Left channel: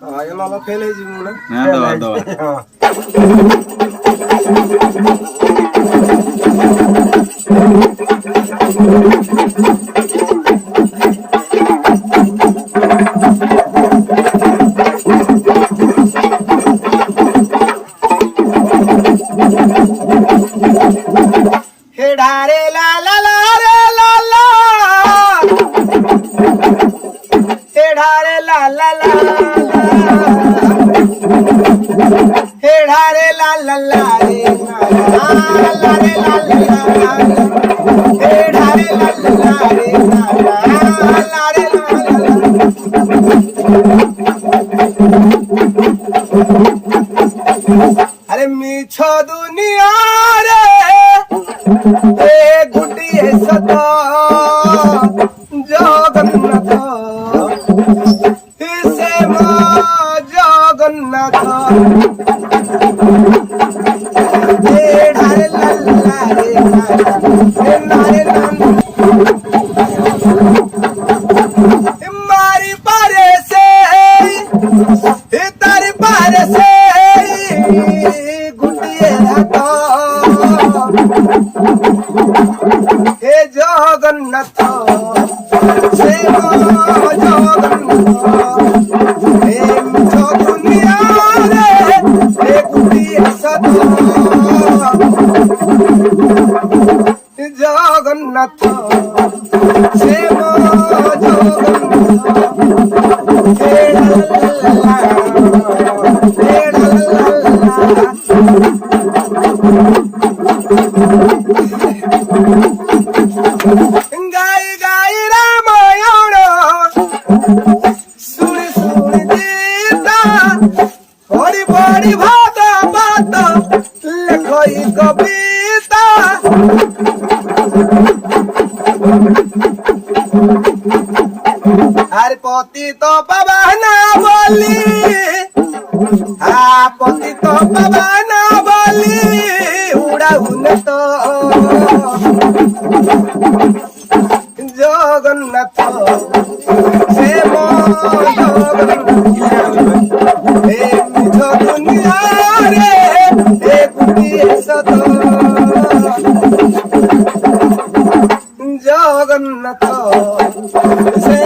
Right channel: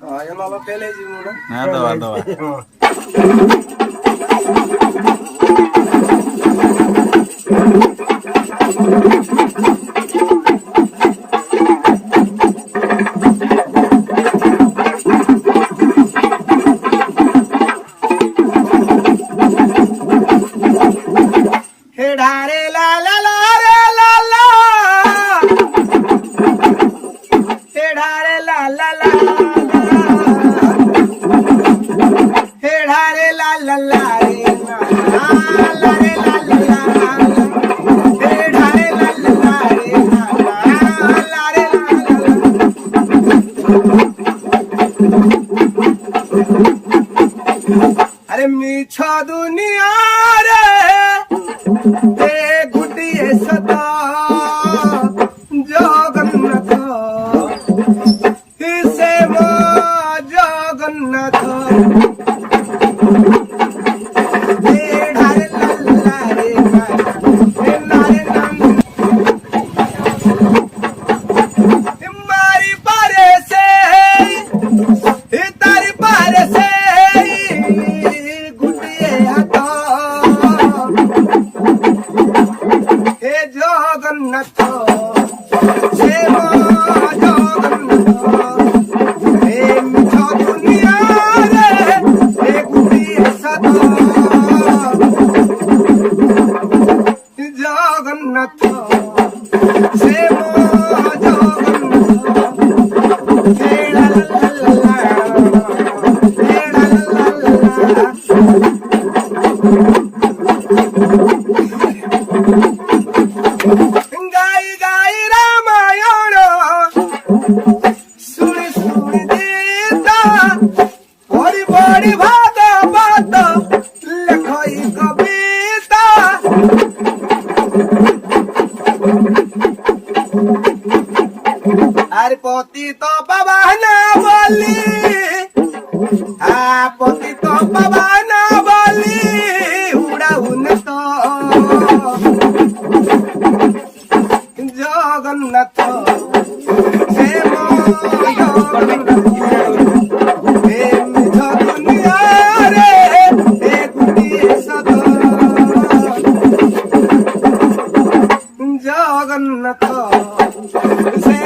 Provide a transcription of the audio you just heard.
ଆଜ୍ଞା ନହେଲେ ଫେଲ୍ ହେଇଯିବି ମୁଁ ନା ଦବା ଦବା ढारे ला ला ला रे ला ला हे ढारे ला ला ला हे ढारे ला ला ला रे ला ला रे ला ला ला हे ढारे ला ला ला रे ला ला रे ला ला अरे मीठो दुनिया रे ए गुडिए सदा जगन्नाथ इसे मां जगन्नाथ ए ढारे लल्ला रे नारे नंद मारी पारे से तारी पारे से गुडिए हटा हे जगन्नाथ हे जगन्नाथ हे मिठो दुनिया रे हे गुडिए सदा जगन्नाथ हे जगन्नाथ हे ला हे ला गाई गाई रामायण सुनी सुनी गीता पढ़ी पढ़ी भागवत लेखई कविता अरे पति तो पवन बोली पति तो पवन बोली उड़ाउन तो जगन्नाथ हे जगन्नाथ हे मिठो दुनिया रे हे गुडिए सदा जगन्नाथ हे